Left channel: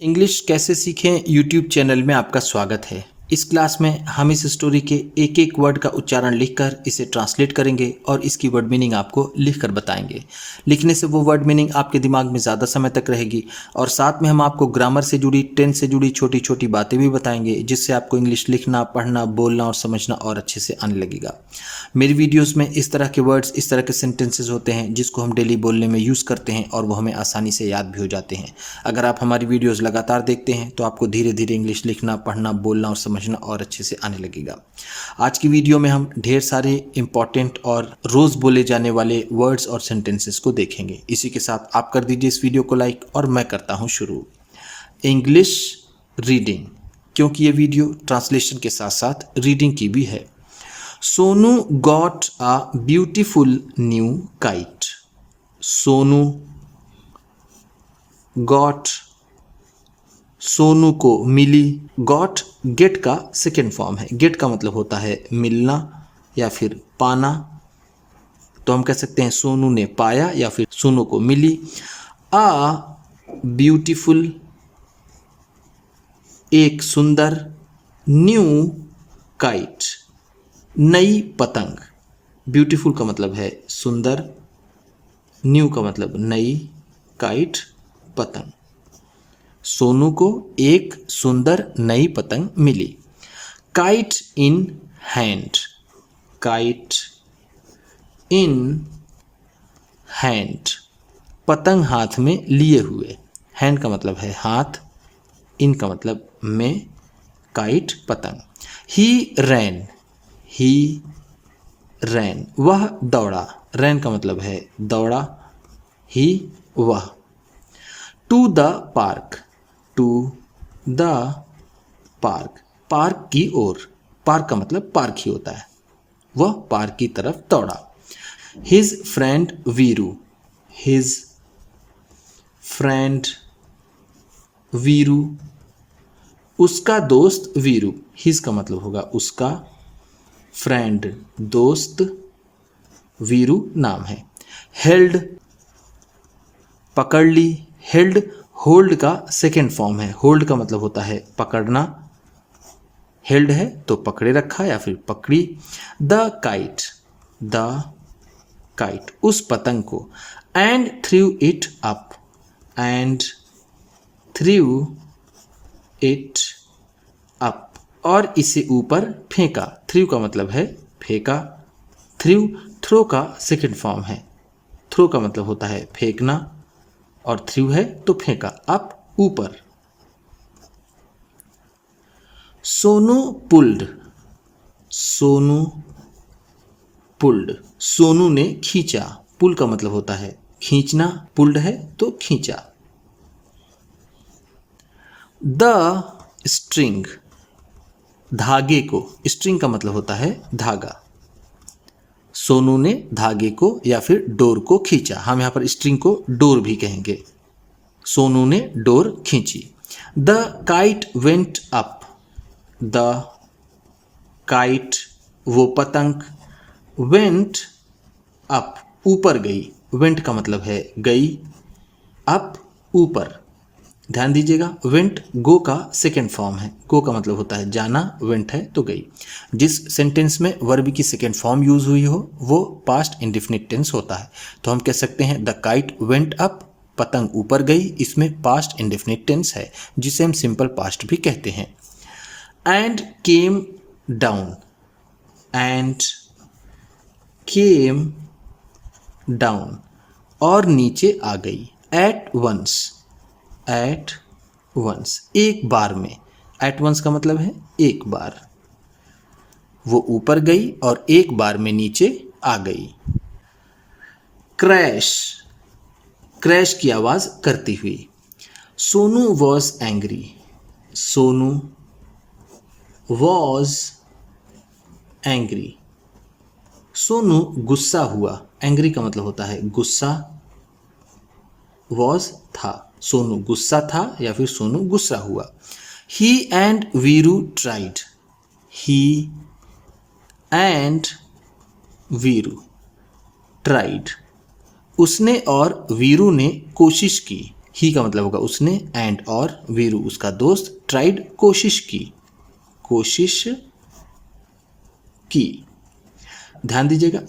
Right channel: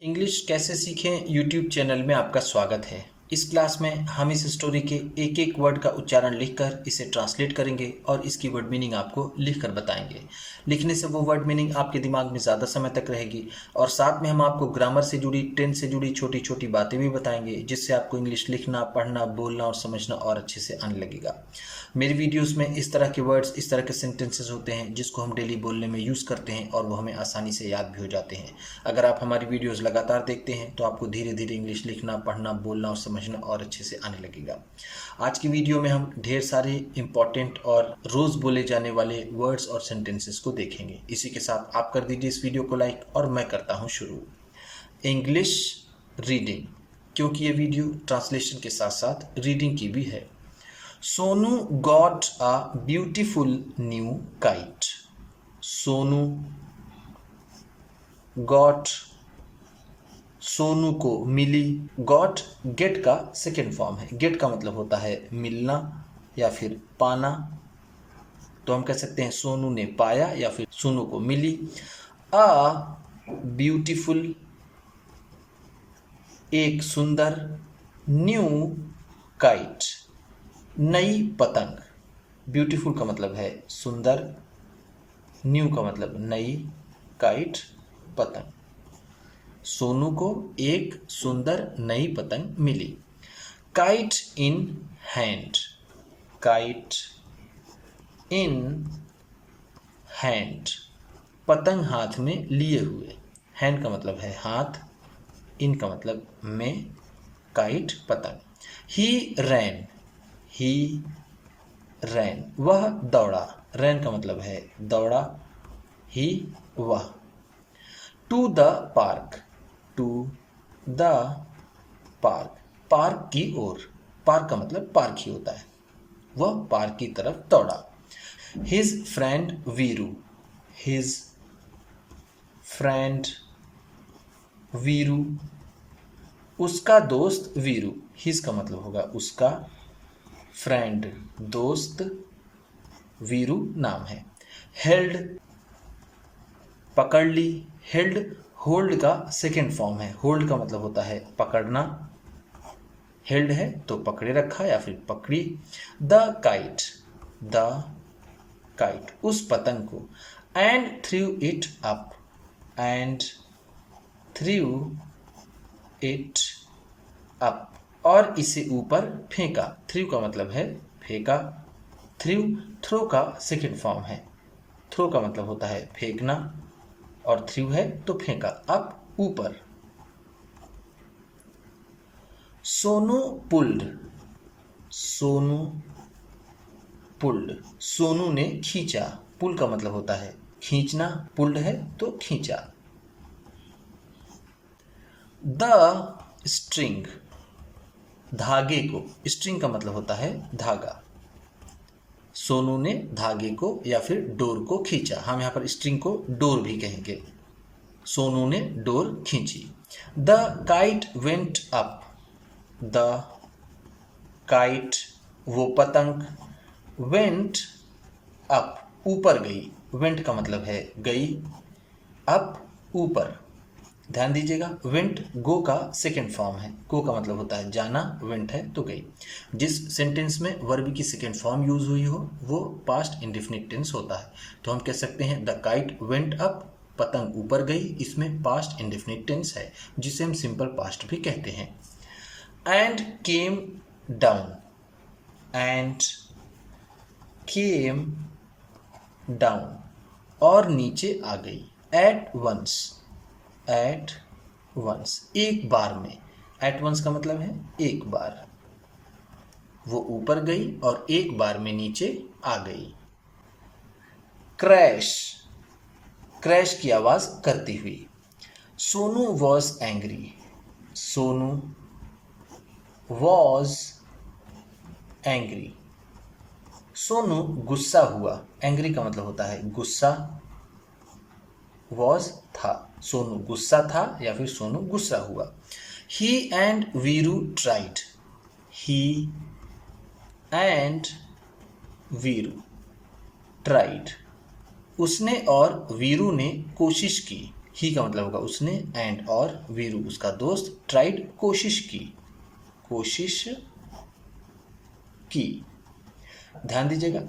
English कैसे सीखें YouTube channel में आपका स्वागत है। इस क्लास में हम इस स्टोरी के एक एक वर्ड का उच्चारण लिखकर इसे ट्रांसलेट करेंगे और इसकी वर्ड मीनिंग आपको लिखकर बताएंगे। लिखने से वो वर्ड मीनिंग आपके दिमाग में ज़्यादा समय तक रहेगी और साथ में हम आपको ग्रामर से जुड़ी, टेंस से जुड़ी छोटी छोटी बातें भी बताएंगे, जिससे आपको इंग्लिश लिखना, पढ़ना, बोलना और समझना और अच्छे से आने लगेगा। मेरी वीडियोस में इस तरह के वर्ड्स, इस तरह के सेंटेंसेस होते हैं जिसको हम डेली बोलने में यूज़ करते हैं और वो हमें आसानी से याद भी हो जाते हैं। अगर आप हमारी वीडियोस लगातार देखते हैं तो आपको धीरे धीरे इंग्लिश लिखना, पढ़ना, बोलना और समझना और अच्छे से आने लगेगा। आज की वीडियो में हम ढेर सारे इंपॉर्टेंट और रोज़ बोले जाने वाले वर्ड्स और सेंटेंसेस को देखेंगे। इसी के साथ आप कर दीजिए इस वीडियो को लाइक और मैं करता हूँ शुरू। इंग्लिश रीडिंग, क्योंकि ये वीडियो ट्रांसलेशन के साथ साथ रीडिंग की भी है। Sonu got a beautiful new kite. Sonu got, Sonu को मिली। गॉट गेट का सेकेंड फॉर्म है। गेट का मतलब होता है मिलना या फिर पाना, तो हम कह सकते हैं सोनू ने पाया या फिर सोनू को मिली। अ ब्यूटीफुल, एक सुंदर, न्यू काइट, नई पतंग। ब्यूटीफुल का मतलब है सुंदर, न्यू का मतलब नई, काइट पतंग। सोनू को एक सुंदर नई पतंग मिली। Kite in hand, kite in hand, पतंग हाथ में लिए हुए। हैंड का मतलब है हाथ, इन का मतलब में, काइट पतंग। ही रैन, ही रैन, वह दौड़ा। रैन का मतलब है दौड़ा, ही वह। To the park, to the park, park की ओर। पार्क का मतलब पार्क ही होता है। वह पार्क की तरफ दौड़ा। His friend Veeru, his friend Veeru, उसका दोस्त वीरू। हिज का मतलब होगा उसका, फ्रेंड दोस्त, वीरू नाम है। हेल्ड पकड़ ली। हेल्ड होल्ड का सेकेंड फॉर्म है। होल्ड का मतलब होता है पकड़ना। हेल्ड है तो पकड़े रखा या फिर पकड़ी। द काइट, द काइट, उस पतंग को। And through it up, and through it up, और इसे ऊपर फेंका। थ्रू का मतलब है फेंका। थ्रू थ्रो का सेकेंड फॉर्म है। थ्रो का मतलब होता है फेंकना और थ्रू है तो फेंका, अप ऊपर। सोनू पुल्ड, सोनू पुल्ड, सोनू ने खींचा। पुल का मतलब होता है खींचना, पुल्ड है तो खींचा। द स्ट्रिंग, धागे को। स्ट्रिंग का मतलब होता है धागा। सोनू ने धागे को या फिर डोर को खींचा। हम यहाँ पर स्ट्रिंग को डोर भी कहेंगे। सोनू ने डोर खींची। The kite went up, the kite, वो पतंग, वेंट अप, ऊपर गई। वेंट का मतलब है गई, अप ऊपर। ध्यान दीजिएगा, वेंट गो का सेकेंड फॉर्म है। गो का मतलब होता है जाना, वेंट है तो गई। जिस सेंटेंस में वर्ब की सेकेंड फॉर्म यूज हुई हो वो पास्ट इंडेफिनिट टेंस होता है। तो हम कह सकते हैं द काइट वेंट अप, पतंग ऊपर गई। इसमें पास्ट इंडेफिनिट टेंस है जिसे हम सिंपल पास्ट भी कहते हैं। And came down, and came down, और नीचे आ गई। एट वंस, एट वंस, एक बार में। एट वंस का मतलब है एक बार। वो ऊपर गई और एक बार में नीचे आ गई। क्रैश, क्रैश की आवाज करती हुई। Sonu was angry, Sonu was angry, Sonu गुस्सा हुआ। एंग्री का मतलब होता है गुस्सा, वॉज था, सोनू गुस्सा था या फिर सोनू गुस्सा हुआ। He and Veeru tried, he and Veeru tried, उसने और वीरू ने कोशिश की। ही का मतलब होगा उसने, एंड और वीरू उसका दोस्त, ट्राइड कोशिश की। ध्यान दीजिएगा,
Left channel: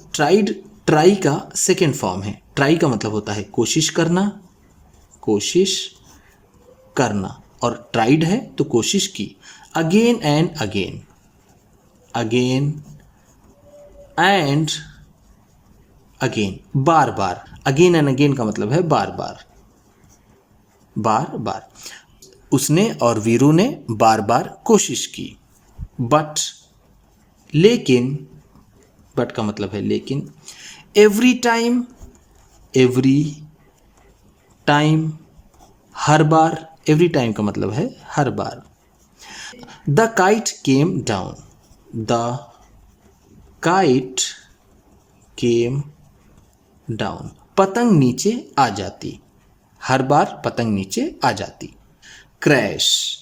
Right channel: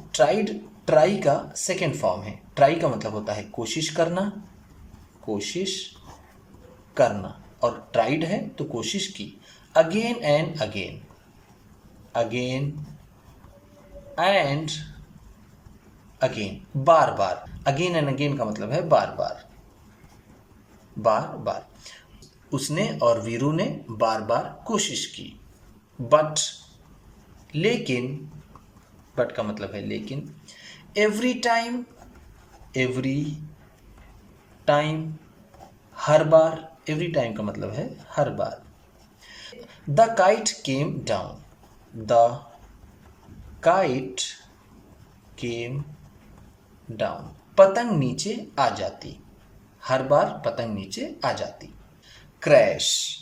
ट्राई का सेकेंड फॉर्म है। ट्राई का मतलब होता है कोशिश करना, और ट्राइड है तो कोशिश की। Again and again, bar bar. Again and again का मतलब है बार बार। उसने और वीरू ने बार बार कोशिश की। बट का मतलब है लेकिन। एवरी टाइम, हर बार। एवरी टाइम का मतलब है हर बार। द काइट केम डाउन, पतंग नीचे आ जाती। हर बार पतंग नीचे आ जाती। क्रैश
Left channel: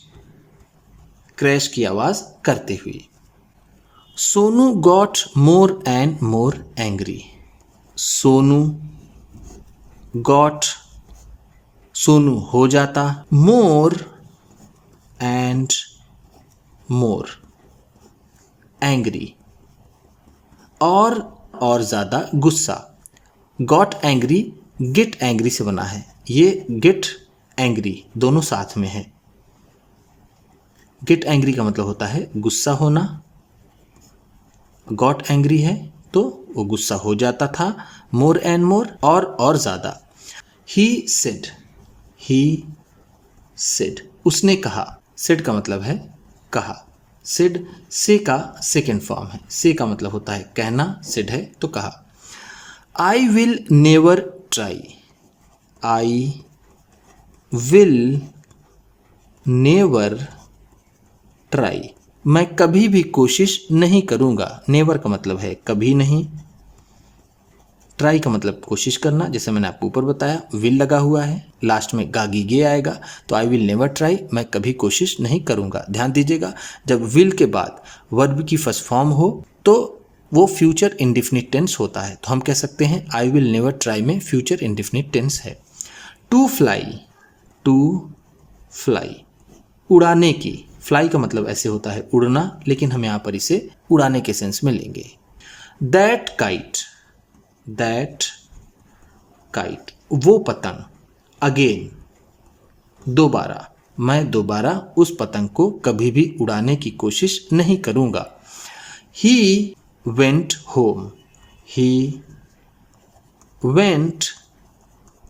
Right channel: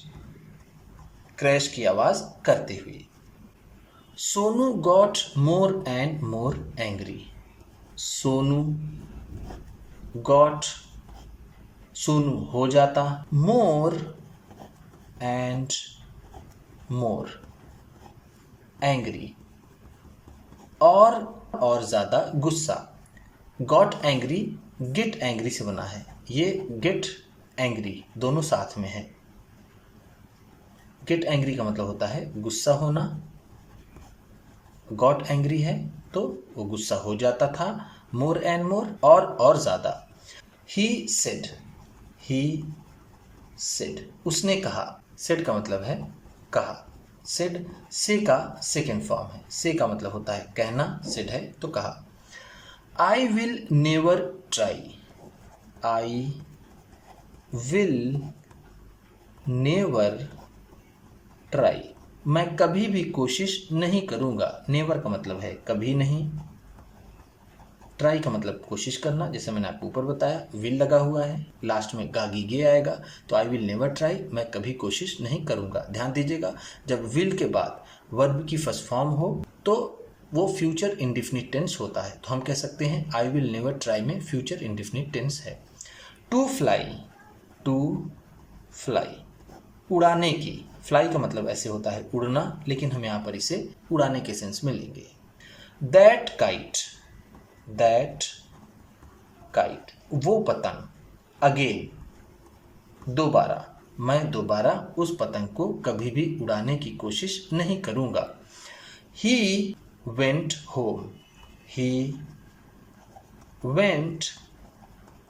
की आवाज करते हुए। Sonu got more and more angry. Sonu हो जाता, मोर एंड मोर एंग्री, और ज्यादा गुस्सा। गॉट एंग्री गेट एंग्री से बना है। ये गेट एंग्री दोनों साथ में है। गेट एंग्री का मतलब होता है गुस्सा होना। गॉट एंग्री है तो वो गुस्सा हो जाता था। मोर एंड मोर, और ज्यादा। ही सेड, उसने कहा। सेड का मतलब है कहा। सेड से का सेकेंड फॉर्म है। से का मतलब होता है कहना, सेड है तो कहा। आई विल नेवर ट्राई, मैं कभी भी कोशिश नहीं करूंगा। नेवर का मतलब है कभी नहीं। ट्राई का मतलब कोशिश करना, जैसे मैंने आपको ऊपर बताया, विल लगा हुआ है, लास्ट में गागी गे आएगा, तो आई विल नेवर ट्राई, मैं कभी कोशिश नहीं करूंगा। ध्यान दीजिएगा, जब विल के बाद वर्ब की फर्स्ट फॉर्म हो तो वो फ्यूचर इंडिफिनिट टेंस होता है। तो हम कह सकते हैं आई विल नेवर ट्राई में फ्यूचर इंडिफिनिट टेंस है। टू फ्लाई, उड़ाने की। फ्लाई का मतलब ऐसे होता है उड़ना, लेकिन हम यहाँ पर इसे उड़ाने के सेंस में लेंगे। दैट काइट, वो पतंग। अगेन, दोबारा, मैं दोबारा उस पतंग को कभी भी उड़ाने की कोशिश नहीं करूंगा। ही वेंट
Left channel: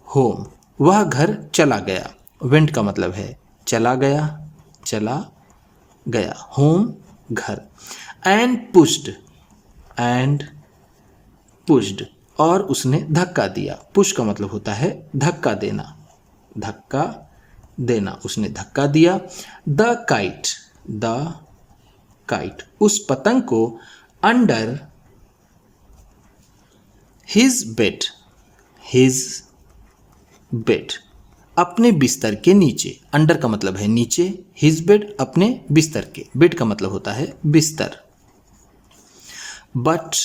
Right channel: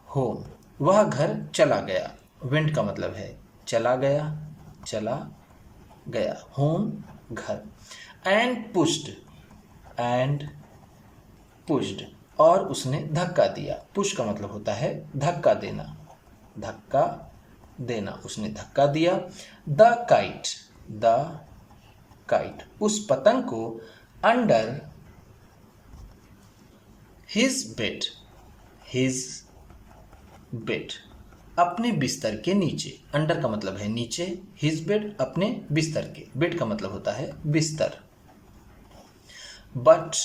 होम, वह घर चला गया। वेंट का मतलब है चला गया। होम घर। एंड पुश्ड, और उसने धक्का दिया। पुश का मतलब होता है धक्का देना, उसने धक्का दिया। द काइट, उस पतंग को अंडर हिज बेड, अपने बिस्तर के नीचे। अंडर का मतलब है नीचे, हिज बेड अपने बिस्तर के, बेड का मतलब होता है बिस्तर। बट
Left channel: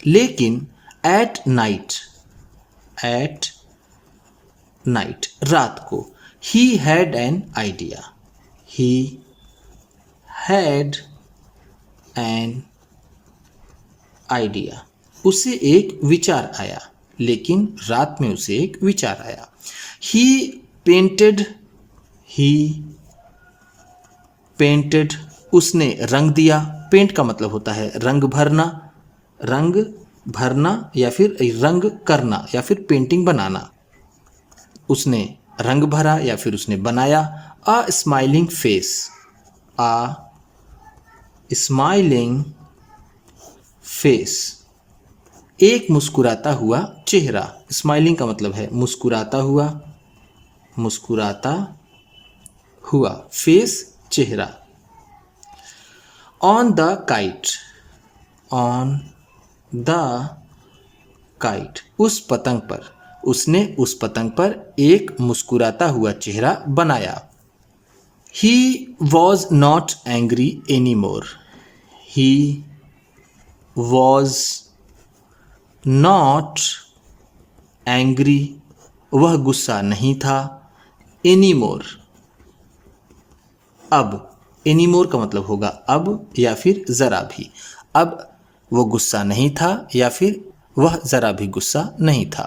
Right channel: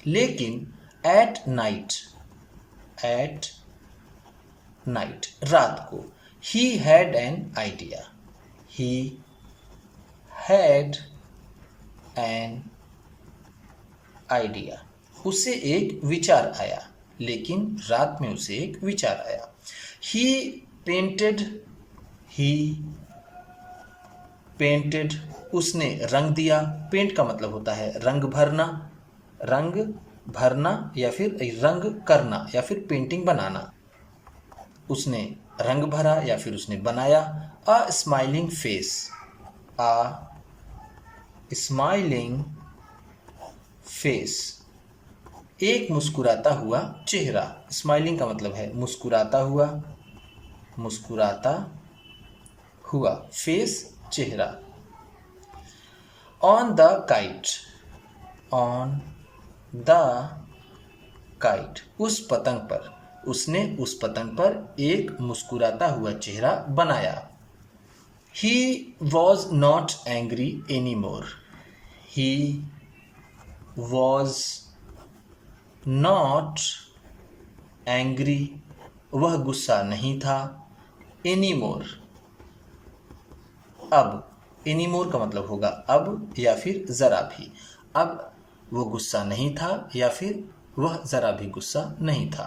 लेकिन, एट नाइट रात को, ही हैड एन आइडिया, उसे एक विचार आया। लेकिन रात में उसे एक विचार आया। ही पेंटेड, उसने रंग दिया। पेंट का मतलब होता है रंग भरना या फिर रंग करना या फिर पेंटिंग बनाना। उसने रंग भरा या फिर उसने बनाया। अ स्माइलिंग फेस, एक मुस्कुराता हुआ चेहरा। स्माइलिंग का मतलब है मुस्कुराता हुआ, फेस चेहरा। ऑन द काइट, उस पतंग पर, उसने उस पतंग पर एक मुस्कुराता हुआ चेहरा बनाया। He was not angry any more, he was not angry, वह गुस्सा नहीं था। एनी मोर, अब, एनी मोर का मतलब होगा अब या फिर ज़रा भी। अब वो गुस्सा नहीं था या फिर वह ज़रा भी गुस्सा नहीं था।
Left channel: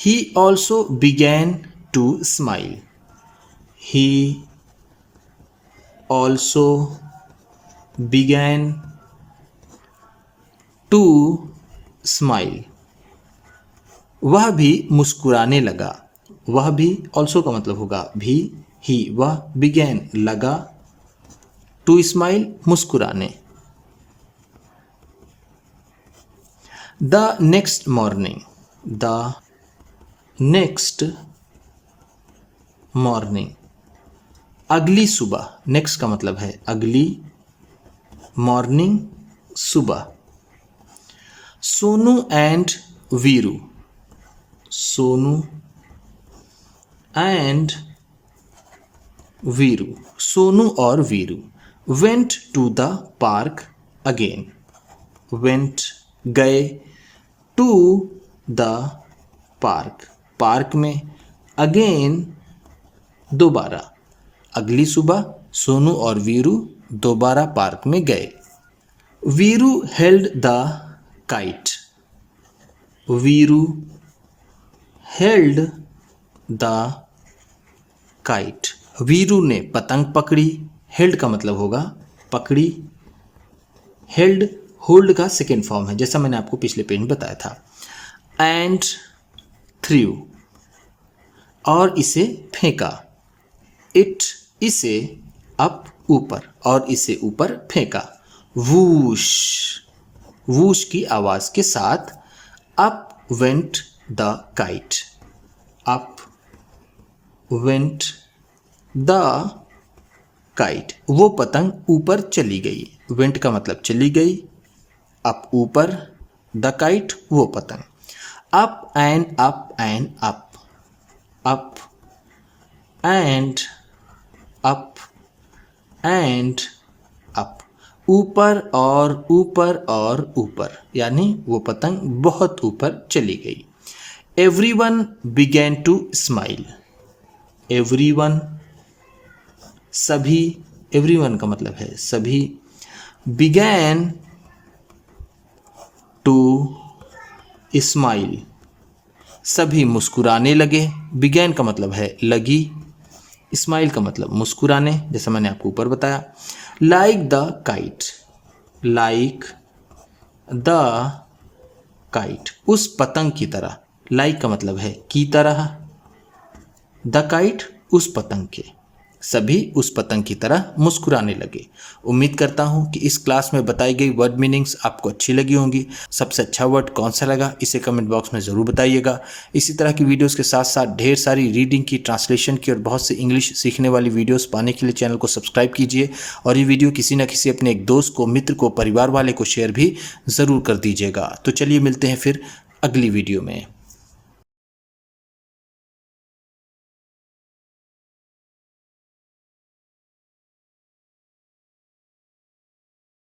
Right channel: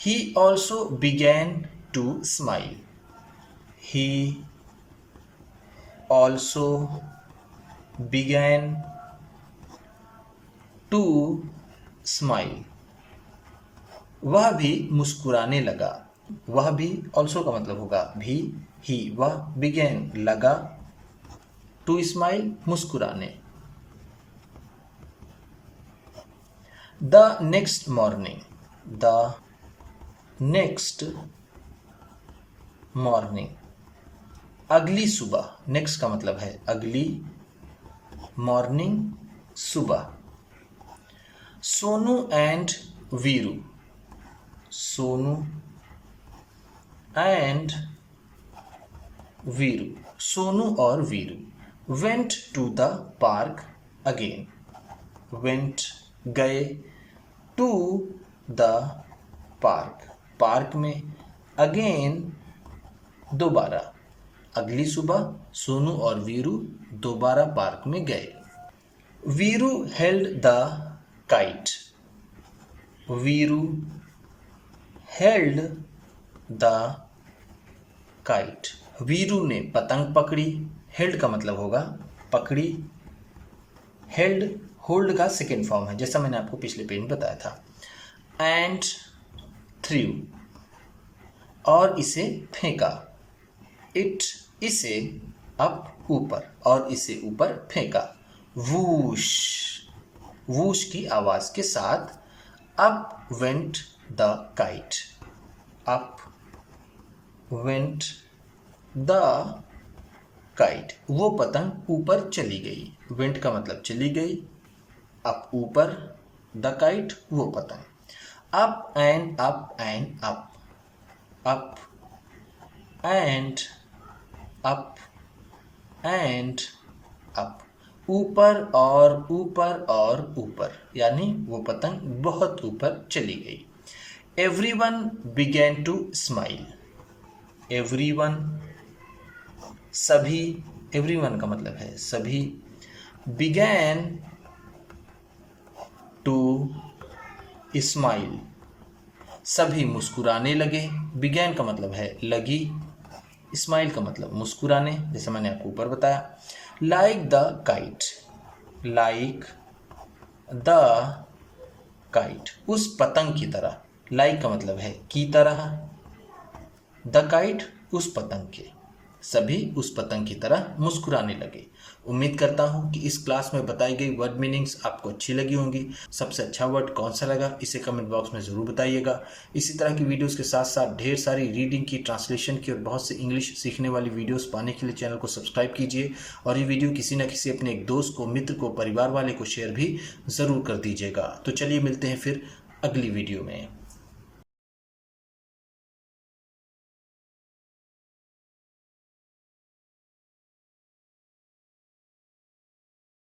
He also began to smile, he also began to smile, वह भी मुस्कुराने लगा। वह भी ऑल्सो का मतलब होगा भी, ही, वह, बिगैन लगा, टू स्माइल मुस्कुराने। The next morning, the next morning, अगली सुबह, नेक्स्ट का मतलब है अगली, मॉर्निंग सुबह। सोनू एंड वीरू, सोनू एंड वीरू, सोनू और Veeru went to the park again, went गए, टू द पार्क, पार्क में, अगेन दोबारा। अगली सुबह सोनू और वीरू दोबारा पार्क में गए। Veeru held the kite, Veeru held the kite, Veeru ने पतंग पकड़ी। हेल्ड का मतलब होगा पकड़ी, हेल्ड होल्ड का सेकेंड फॉर्म है, जैसा मैंने आपको पिछले पेज में बताया था। एंड थ्रू, और इसे फेंका। इट, इसे, अप ऊपर, और इसे ऊपर फेंका। वूश, वूश की आवाज के साथ up went the kite, up went the kite, वो पतंग ऊपर चली गई। वेंट का मतलब चली गई, अप ऊपर, द काइट वो पतंग। Up and up and up, up and up and up, ऊपर और ऊपर और ऊपर, यानी वो पतंग बहुत ऊपर चली गई। Everyone began to smile, everyone सभी, एवरीवन का मतलब है सभी, बिगैन टू स्माइल, सभी मुस्कुराने लगे। बिगैन का मतलब है लगी, स्माइल का मतलब मुस्कुराने, जैसा मैंने आपको ऊपर बताया। Like the kite, like the kite, उस पतंग की तरह। लाइक का मतलब है की तरह, द काइट उस पतंग के, सभी उस पतंग की तरह मुस्कुराने लगे। उम्मीद करता हूँ कि इस क्लास में बताई गई वर्ड मीनिंग्स आपको अच्छी लगी होंगी। सबसे अच्छा वर्ड कौन सा लगा इसे कमेंट बॉक्स में ज़रूर बताइएगा। इसी तरह की वीडियोस के साथ साथ ढेर सारी रीडिंग की, ट्रांसलेशन की और बहुत सी इंग्लिश सीखने वाली वीडियोस पाने के लिए चैनल को सब्सक्राइब कीजिए। और ये वीडियो किसी न किसी अपने एक दोस्त को, मित्र को, परिवार वाले को शेयर भी ज़रूर कर दीजिएगा। तो चलिए मिलते हैं फिर अगली वीडियो में।